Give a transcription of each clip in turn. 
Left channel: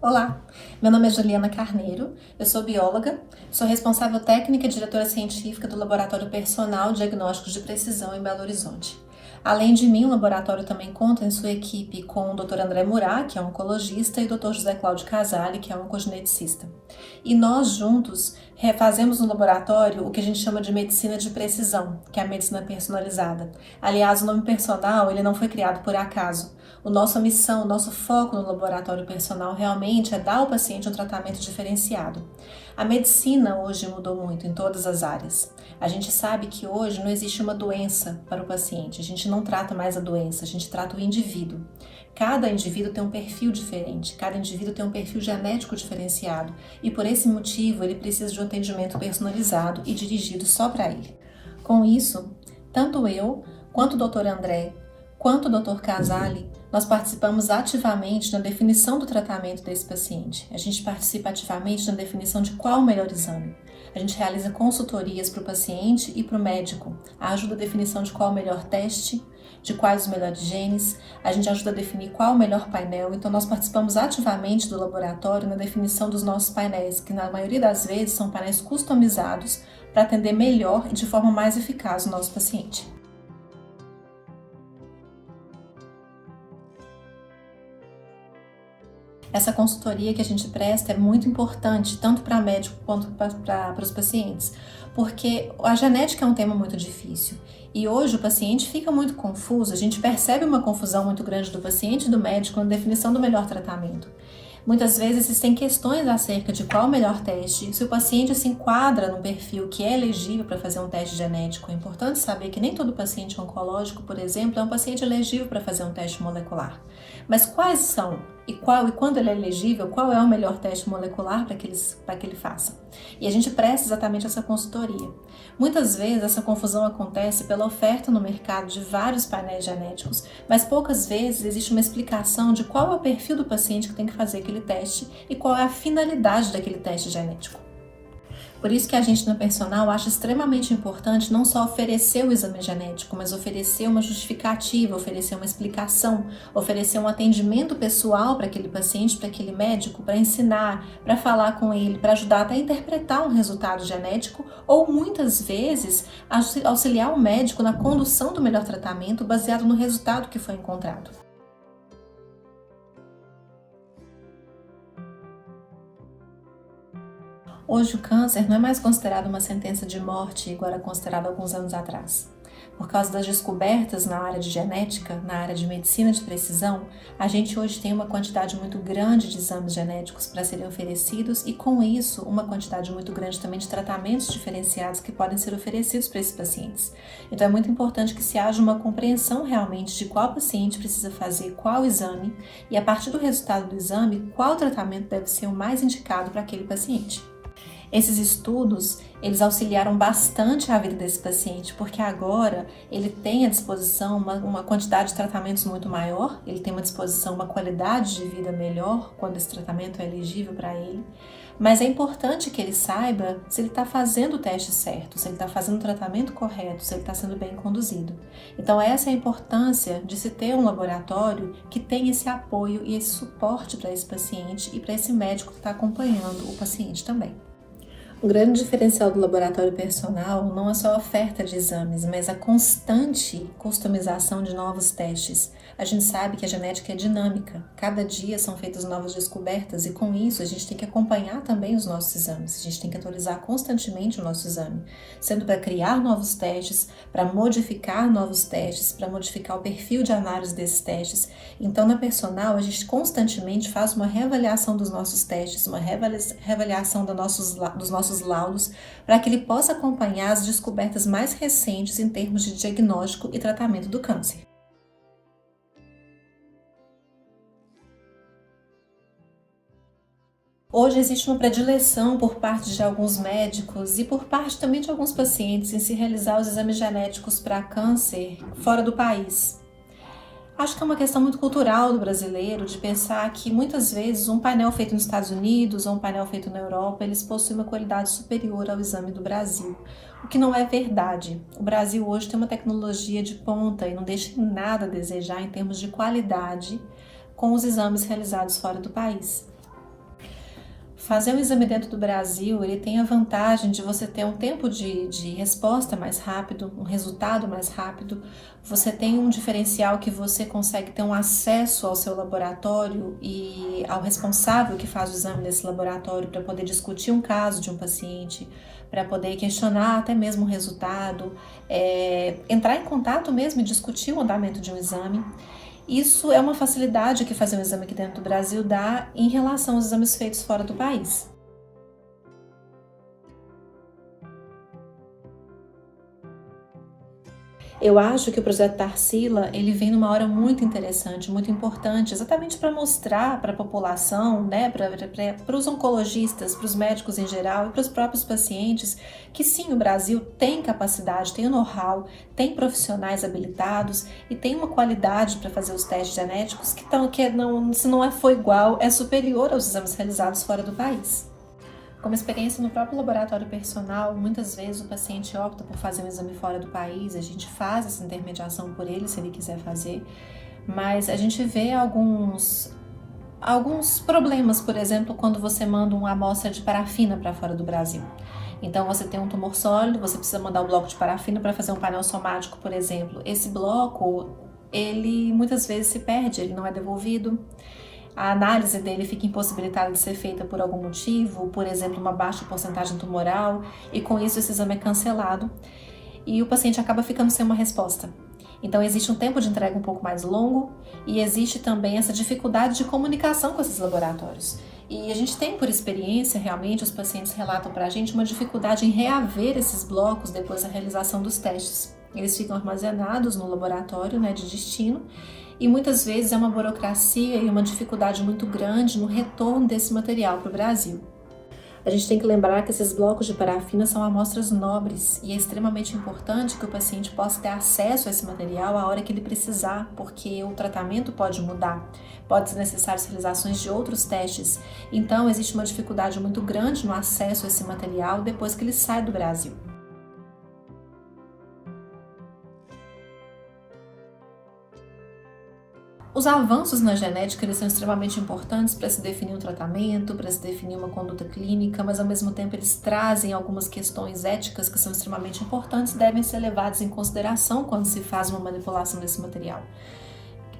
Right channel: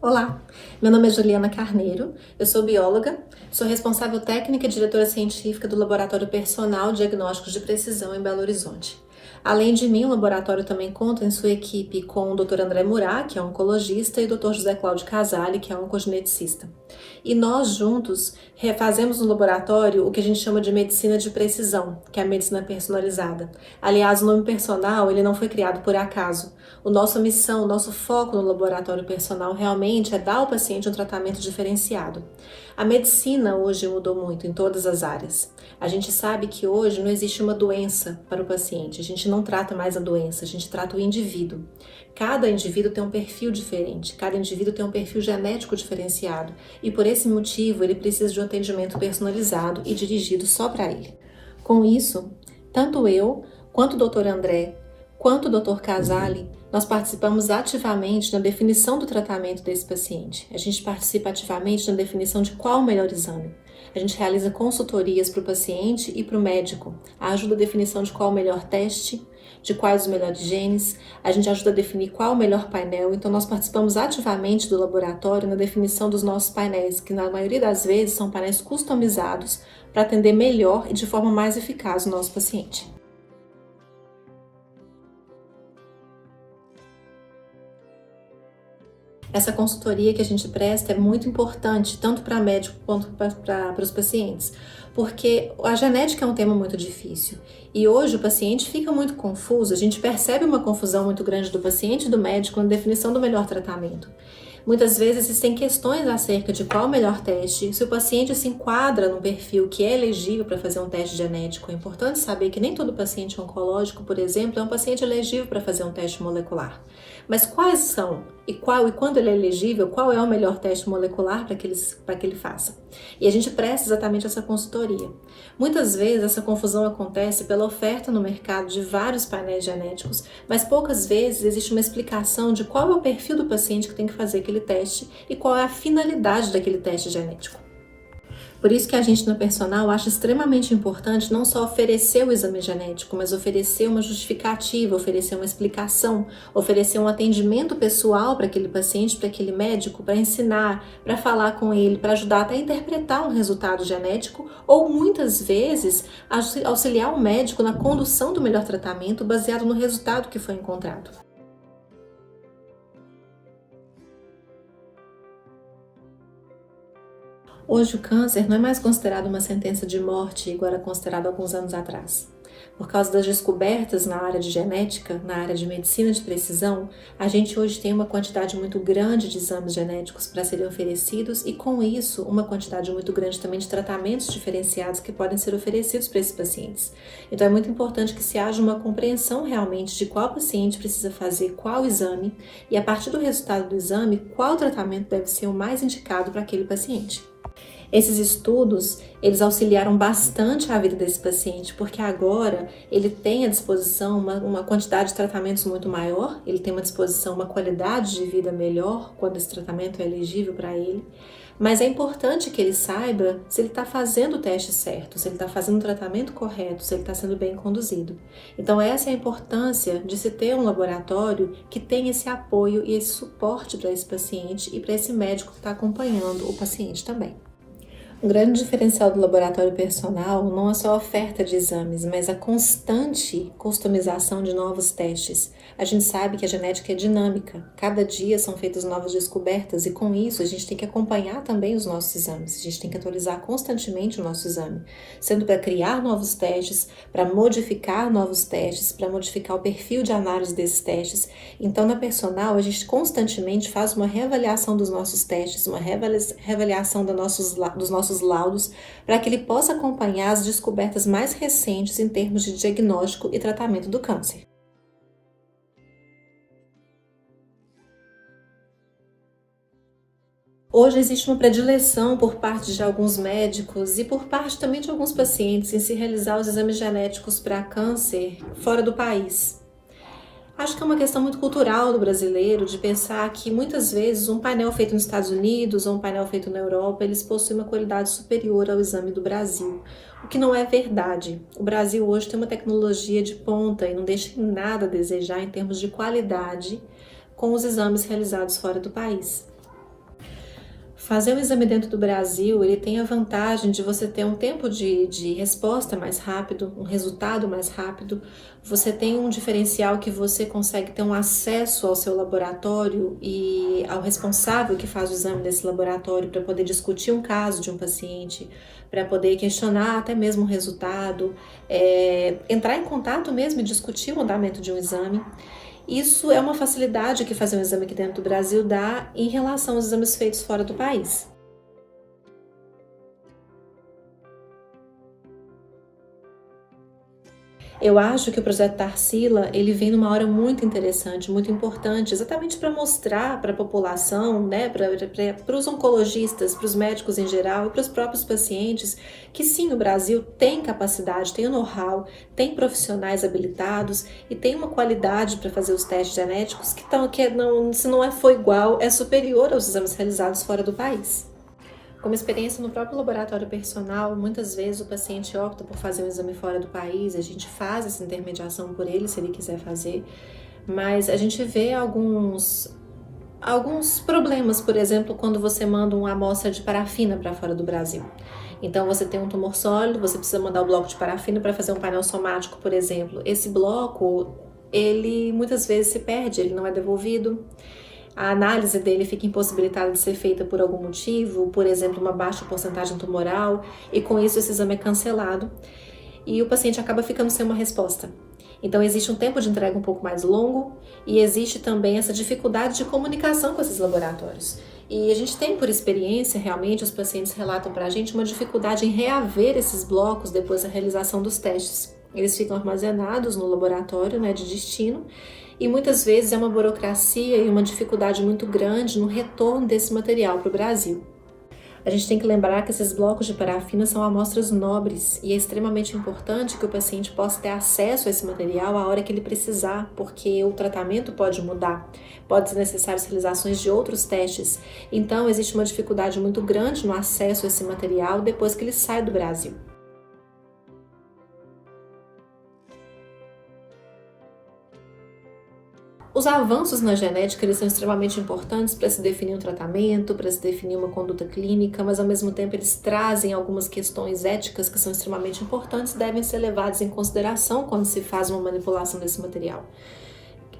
Olá, meu nome é Juliana Carneiro, eu sou bióloga, sou responsável técnica e diretora científica do Laboratório Personal Diagnósticos de Precisão em Belo Horizonte. Além de mim, o laboratório também conta em sua equipe com o Dr. André Murat, que é oncologista, e o Dr. José Cláudio Casale, que é oncogeneticista. E nós juntos fazemos no laboratório o que a gente chama de medicina de precisão, que é a medicina personalizada. Aliás, o nome personal ele não foi criado por acaso. Nossa missão, o nosso foco no laboratório personal realmente é dar ao paciente um tratamento diferenciado. A medicina hoje mudou muito em todas as áreas. A gente sabe que hoje não existe uma doença para o paciente, a gente não trata mais a doença, a gente trata o indivíduo. Cada indivíduo tem um perfil diferente, cada indivíduo tem um perfil genético diferenciado e por esse motivo ele precisa de um atendimento personalizado e dirigido só para ele. Com isso, tanto eu, quanto o Dr. André, quanto o Dr. Casale, nós participamos ativamente na definição do tratamento desse paciente. A gente participa ativamente na definição de qual o melhor exame. A gente realiza consultorias para o paciente e para o médico. Ajuda a definição de qual o melhor teste, de quais os melhores genes. A gente ajuda a definir qual o melhor painel. Então, nós participamos ativamente do laboratório na definição dos nossos painéis, que na maioria das vezes são painéis customizados para atender melhor e de forma mais eficaz o nosso paciente. Essa consultoria que a gente presta é muito importante, tanto para médico quanto para os pacientes, porque a genética é um tema muito difícil e hoje o paciente fica muito confuso, a gente percebe uma confusão muito grande do paciente e do médico na definição do melhor tratamento. Muitas vezes existem questões acerca de qual é o melhor teste, se o paciente se enquadra num perfil que é elegível para fazer um teste genético. É importante saber que nem todo paciente oncológico, por exemplo, é um paciente elegível para fazer um teste molecular. Mas quais são e quando ele é elegível, qual é o melhor teste molecular para que ele faça? E a gente presta exatamente essa consultoria. Muitas vezes essa confusão acontece pela oferta no mercado de vários painéis genéticos, mas poucas vezes existe uma explicação de qual é o perfil do paciente que tem que fazer aquele teste e qual é a finalidade daquele teste genético. Por isso que a gente no personal acha extremamente importante não só oferecer o exame genético, mas oferecer uma justificativa, oferecer uma explicação, oferecer um atendimento pessoal para aquele paciente, para aquele médico, para ensinar, para falar com ele, para ajudar até a interpretar um resultado genético ou muitas vezes auxiliar o médico na condução do melhor tratamento baseado no resultado que foi encontrado. Hoje o câncer não é mais considerado uma sentença de morte igual era considerado alguns anos atrás. Por causa das descobertas na área de genética, na área de medicina de precisão, a gente hoje tem uma quantidade muito grande de exames genéticos para serem oferecidos e com isso uma quantidade muito grande também de tratamentos diferenciados que podem ser oferecidos para esses pacientes. Então é muito importante que se haja uma compreensão realmente de qual paciente precisa fazer qual exame e a partir do resultado do exame, qual tratamento deve ser o mais indicado para aquele paciente. Esses estudos, eles auxiliaram bastante a vida desse paciente, porque agora ele tem à disposição uma quantidade de tratamentos muito maior, ele tem à disposição uma qualidade de vida melhor quando esse tratamento é elegível para ele, mas é importante que ele saiba se ele está fazendo o teste certo, se ele está fazendo o tratamento correto, se ele está sendo bem conduzido. Então essa é a importância de se ter um laboratório que tem esse apoio e esse suporte para esse paciente e para esse médico que está acompanhando o paciente também. O grande diferencial do laboratório personal não é só a oferta de exames, mas a constante customização de novos testes. A gente sabe que a genética é dinâmica, cada dia são feitas novas descobertas e com isso a gente tem que acompanhar também os nossos exames, a gente tem que atualizar constantemente o nosso exame, sendo para criar novos testes, para modificar novos testes, para modificar o perfil de análise desses testes. Então na personal a gente constantemente faz uma reavaliação dos nossos testes, uma reavaliação dos nossos laudos, para que ele possa acompanhar as descobertas mais recentes em termos de diagnóstico e tratamento do câncer. Hoje existe uma predileção por parte de alguns médicos e por parte também de alguns pacientes em se realizar os exames genéticos para câncer fora do país. Acho que é uma questão muito cultural do brasileiro de pensar que muitas vezes um painel feito nos Estados Unidos ou um painel feito na Europa, eles possuem uma qualidade superior ao exame do Brasil, o que não é verdade. O Brasil hoje tem uma tecnologia de ponta e não deixa nada a desejar em termos de qualidade com os exames realizados fora do país. Fazer um exame dentro do Brasil, ele tem a vantagem de você ter um tempo de resposta mais rápido, um resultado mais rápido. Você tem um diferencial que você consegue ter um acesso ao seu laboratório e ao responsável que faz o exame desse laboratório para poder discutir um caso de um paciente, para poder questionar até mesmo o resultado, entrar em contato mesmo e discutir o andamento de um exame. Isso é uma facilidade que fazer um exame aqui dentro do Brasil dá em relação aos exames feitos fora do país. Eu acho que o projeto Tarsila, ele vem numa hora muito interessante, muito importante, exatamente para mostrar para a população, né, para os oncologistas, para os médicos em geral e para os próprios pacientes, que sim, o Brasil tem capacidade, tem o know-how, tem profissionais habilitados e tem uma qualidade para fazer os testes genéticos se não for igual, é superior aos exames realizados fora do país. Como experiência no próprio laboratório personal, muitas vezes o paciente opta por fazer um exame fora do país, a gente faz essa intermediação por ele, se ele quiser fazer, mas a gente vê alguns problemas, por exemplo, quando você manda uma amostra de parafina para fora do Brasil. Então você tem um tumor sólido, você precisa mandar o bloco de parafina para fazer um painel somático, por exemplo. Esse bloco, ele muitas vezes se perde, ele não é devolvido. A análise dele fica impossibilitada de ser feita por algum motivo, por exemplo, uma baixa porcentagem tumoral, e com isso esse exame é cancelado e o paciente acaba ficando sem uma resposta. Então existe um tempo de entrega um pouco mais longo e existe também essa dificuldade de comunicação com esses laboratórios. E a gente tem por experiência, realmente, os pacientes relatam para a gente uma dificuldade em reaver esses blocos depois da realização dos testes. Eles ficam armazenados no laboratório, né, de destino, e muitas vezes é uma burocracia e uma dificuldade muito grande no retorno desse material para o Brasil. A gente tem que lembrar que esses blocos de parafina são amostras nobres e é extremamente importante que o paciente possa ter acesso a esse material a hora que ele precisar, porque o tratamento pode mudar, pode ser necessário realizações de outros testes. Então existe uma dificuldade muito grande no acesso a esse material depois que ele sai do Brasil. Os avanços na genética eles são extremamente importantes para se definir um tratamento, para se definir uma conduta clínica, mas ao mesmo tempo eles trazem algumas questões éticas que são extremamente importantes e devem ser levadas em consideração quando se faz uma manipulação desse material.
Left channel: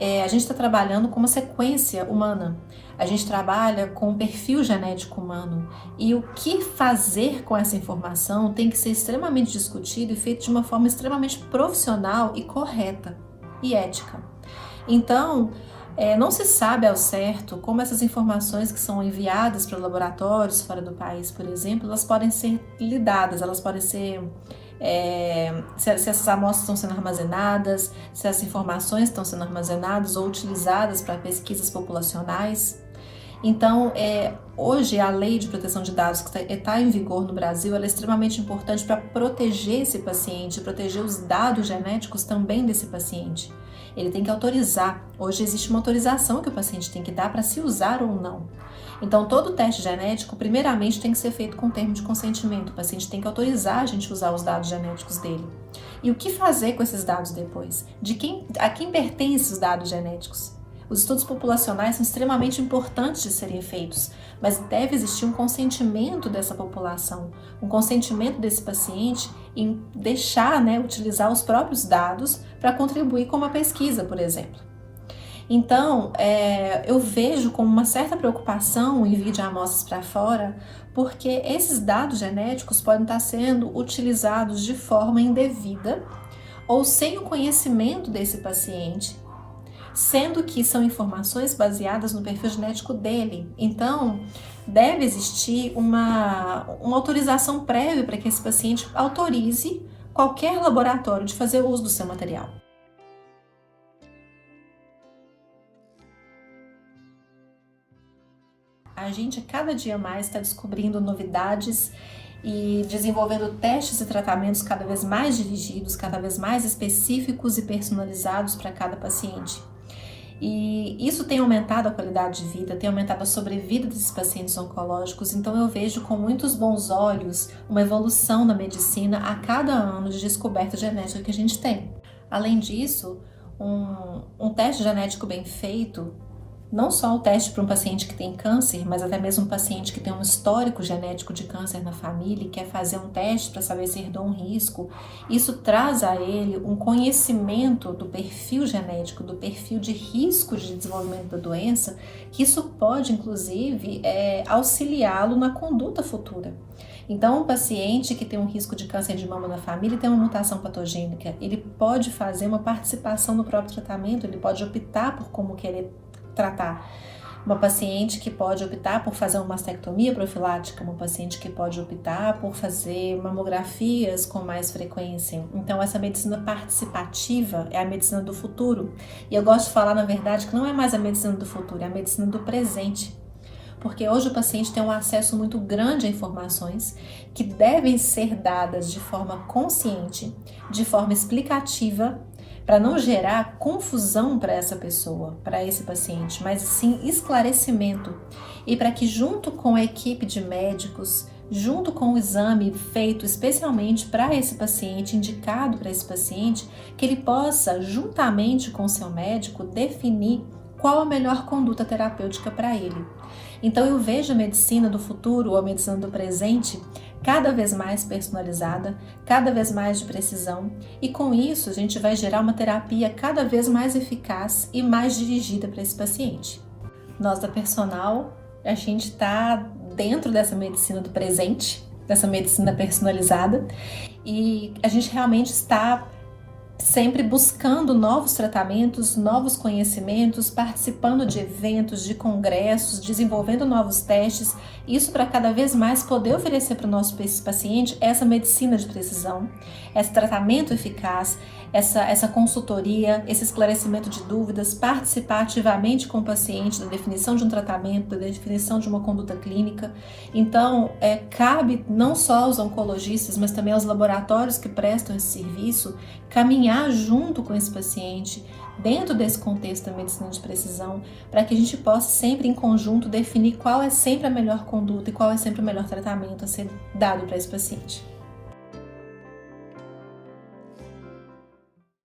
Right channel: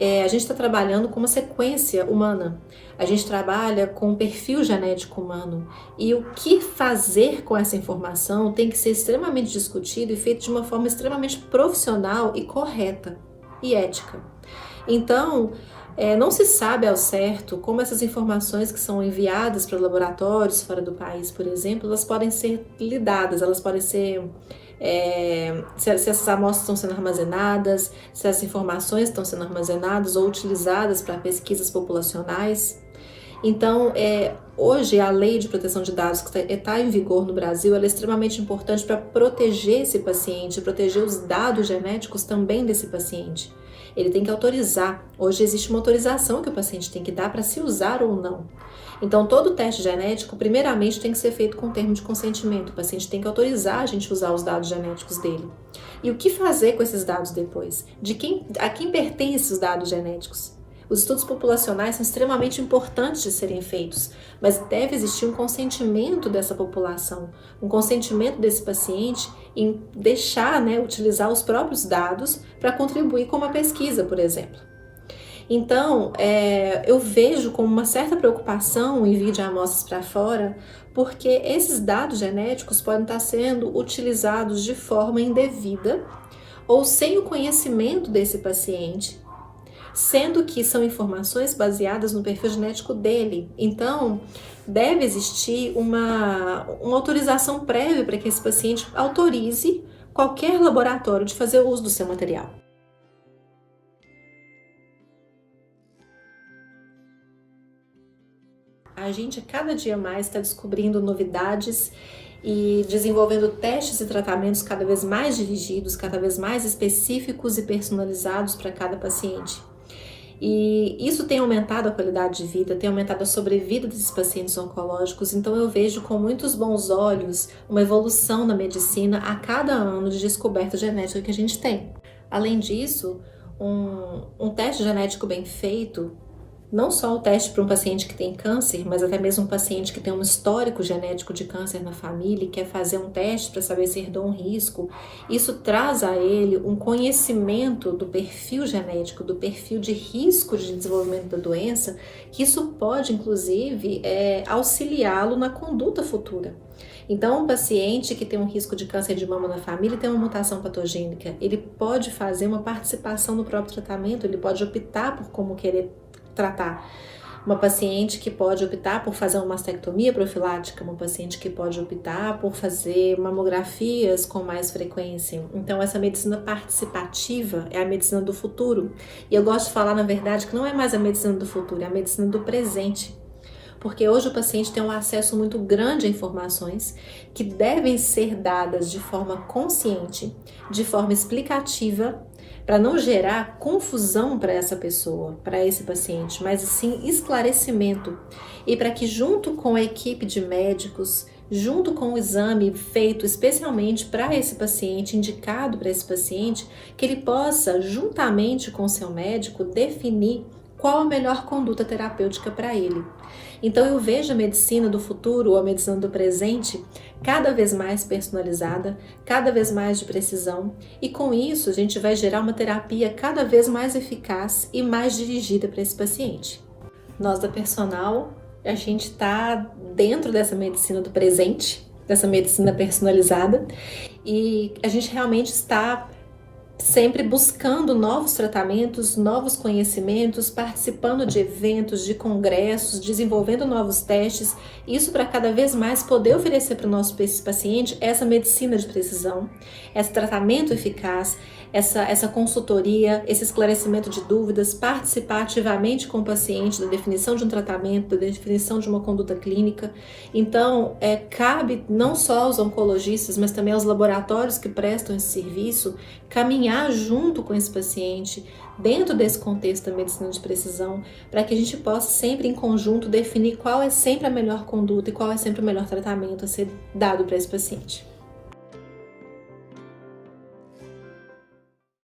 A gente está trabalhando com uma sequência humana, a gente trabalha com um perfil genético humano e o que fazer com essa informação tem que ser extremamente discutido e feito de uma forma extremamente profissional e correta e ética. Então, não se sabe ao certo como essas informações que são enviadas para laboratórios fora do país, por exemplo, elas podem ser lidadas, elas podem ser, se essas amostras estão sendo armazenadas, se as informações estão sendo armazenadas ou utilizadas para pesquisas populacionais. Então, hoje a lei de proteção de dados que está em vigor no Brasil, ela é extremamente importante para proteger esse paciente, proteger os dados genéticos também desse paciente. Ele tem que autorizar. Hoje existe uma autorização que o paciente tem que dar para se usar ou não. Então, todo teste genético, primeiramente, tem que ser feito com termo de consentimento. O paciente tem que autorizar a gente usar os dados genéticos dele. E o que fazer com esses dados depois? A quem pertencem os dados genéticos? Os estudos populacionais são extremamente importantes de serem feitos, mas deve existir um consentimento dessa população, um consentimento desse paciente em deixar, utilizar os próprios dados para contribuir com uma pesquisa, por exemplo. Então, eu vejo com uma certa preocupação o envio de amostras para fora, porque esses dados genéticos podem estar sendo utilizados de forma indevida ou sem o conhecimento desse paciente, sendo que são informações baseadas no perfil genético dele. Então, deve existir uma autorização prévia para que esse paciente autorize qualquer laboratório de fazer uso do seu material. A gente cada dia mais está descobrindo novidades e desenvolvendo testes e tratamentos cada vez mais dirigidos, cada vez mais específicos e personalizados para cada paciente. E isso tem aumentado a qualidade de vida, tem aumentado a sobrevida desses pacientes oncológicos, então eu vejo com muitos bons olhos uma evolução na medicina a cada ano de descoberta genética que a gente tem. Além disso, um teste genético bem feito não só o teste para um paciente que tem câncer, mas até mesmo um paciente que tem um histórico genético de câncer na família e quer fazer um teste para saber se herdou um risco, isso traz a ele um conhecimento do perfil genético, do perfil de risco de desenvolvimento da doença, que isso pode, inclusive, auxiliá-lo na conduta futura. Então, um paciente que tem um risco de câncer de mama na família e tem uma mutação patogênica, ele pode fazer uma participação no próprio tratamento, ele pode optar por como querer tratar. Uma paciente que pode optar por fazer uma mastectomia profilática, uma paciente que pode optar por fazer mamografias com mais frequência. Então, essa medicina participativa é a medicina do futuro. E eu gosto de falar, na verdade, que não é mais a medicina do futuro, é a medicina do presente. Porque hoje o paciente tem um acesso muito grande a informações que devem ser dadas de forma consciente, de forma explicativa, para não gerar confusão para essa pessoa, para esse paciente, mas sim esclarecimento. E para que junto com a equipe de médicos, junto com o exame feito especialmente para esse paciente, indicado para esse paciente, que ele possa, juntamente com o seu médico, definir qual a melhor conduta terapêutica para ele. Então eu vejo a medicina do futuro, ou a medicina do presente, cada vez mais personalizada, cada vez mais de precisão, e com isso a gente vai gerar uma terapia cada vez mais eficaz e mais dirigida para esse paciente. Nós da Personal, a gente está dentro dessa medicina do presente, dessa medicina personalizada, e a gente realmente está sempre buscando novos tratamentos, novos conhecimentos, participando de eventos, de congressos, desenvolvendo novos testes, isso para cada vez mais poder oferecer para o nosso paciente essa medicina de precisão, esse tratamento eficaz, essa consultoria, esse esclarecimento de dúvidas, participar ativamente com o paciente da definição de um tratamento, da definição de uma conduta clínica. Então, cabe não só aos oncologistas, mas também aos laboratórios que prestam esse serviço, caminhar junto com esse paciente, dentro desse contexto da medicina de precisão, para que a gente possa sempre em conjunto definir qual é sempre a melhor conduta e qual é sempre o melhor tratamento a ser dado para esse paciente.